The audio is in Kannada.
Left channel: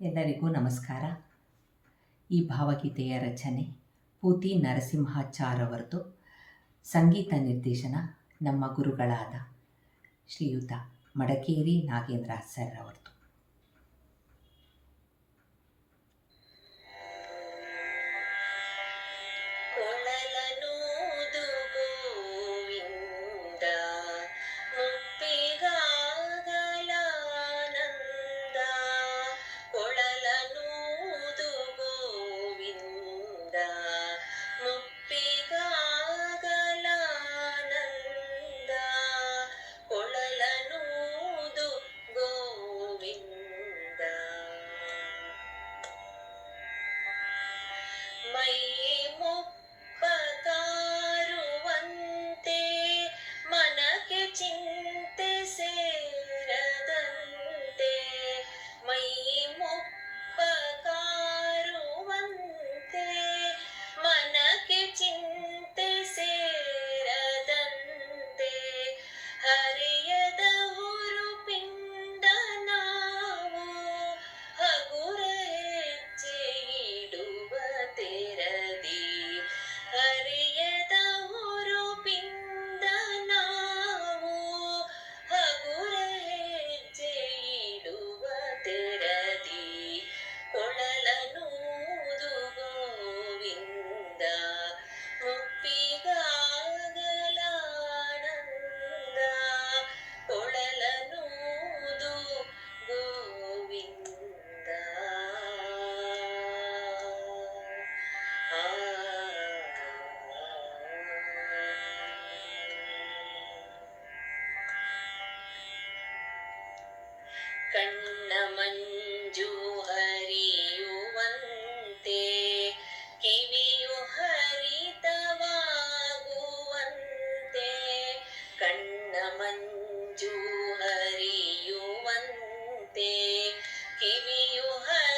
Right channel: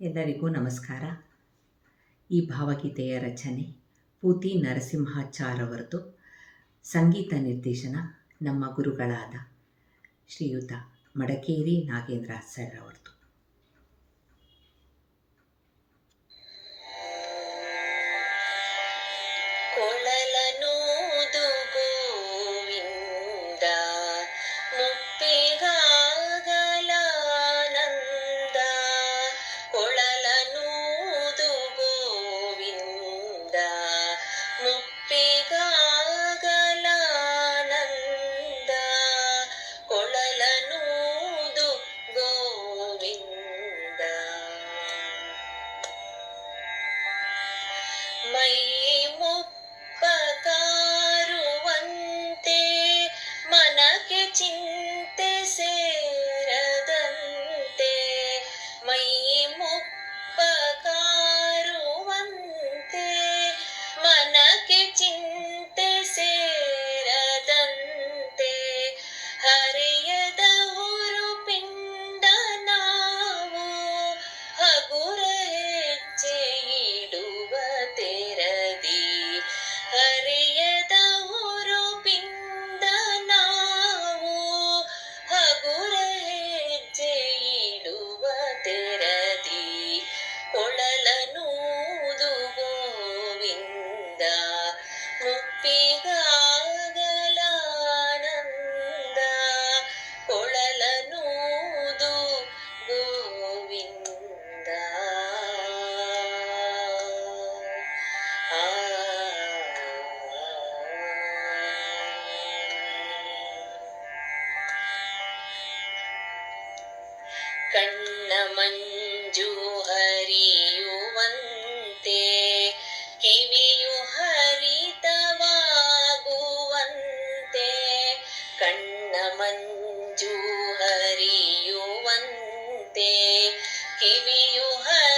ಎಲ್ಲರಿಗೂ ನಮಸ್ಕಾರ. ಈ ಭಾವಗೀತೆಯ ರಚನೆ ಪೂತಿ ನರಸಿಂಹಾಚಾರ್ ಅವರದು. ಸಂಗೀತ ನಿರ್ದೇಶನ ನಮ್ಮ ಗುರುಗಳಾದ ಶ್ರೀಯುತ ಮಡಕೇರಿ ನಾಗೇಂದ್ರ ಸರ್ ಅವರದು. ಕೊಳಲನೂದು ಗೋವಿಂದ ಮುಪ್ಪಿಗಾಗಲಾನಂದ, ಕೊಳಲನೂದು ಗೋವಿಂದ ಮುಪ್ಪಿಗಾಗಲಾನಂದ, ಕೊಳಲನೂದು ಗೋವಿಂದ. ಮೈ ಮುಪ್ಪಕಾರುವಂತೆ ಮನಕ್ಕೆ ಚಿಂತೆ ಸೇರದಂತೆ, ಮೈ ಮುಪ್ಪಕಾರುವಂತೆ ಮನಕ್ಕೆ ಚಿಂತೆ ಸೇರದಂತೆ, ಹರಿಯದ ಹುರುಪಿಂಡ ನಾವು ಹಗುರ ಹೆಜ್ಜೆ ಇಡುವ ತೆರದಿ, ಹರಿಯದ ಹುರುಪಿಂದ ನಾವು ಹಗುರ ಹೆಜ್ಜೆ ಇಡುವ ತೆರದಿ, ಕೊಳಲನೂದು ಗೋವಿಂದ ಮುಪ್ಪಿಗಾಗಲಾನಂದ, ಕೊಳಲನೂದು ಗೋವಿಂದ. ಕಣ್ಣ ಮಂಜು ಹರಿಯುವಂತೆ ಕಿವಿಯು ಹರಿತವಾಗುವಂತೆ, ಕಣ್ಣ ಮಂಜು ಹರಿಯುವಂತೆ ಕಿವಿಯು ಹರಿತವಾಗುವಂತೆ,